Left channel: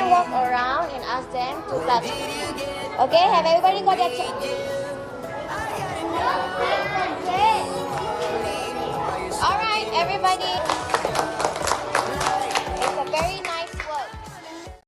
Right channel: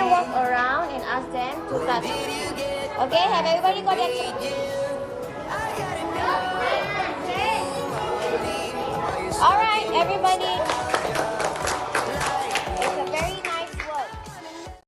can walk around and ask them to touch. Okay, have everybody got that? All right, everybody.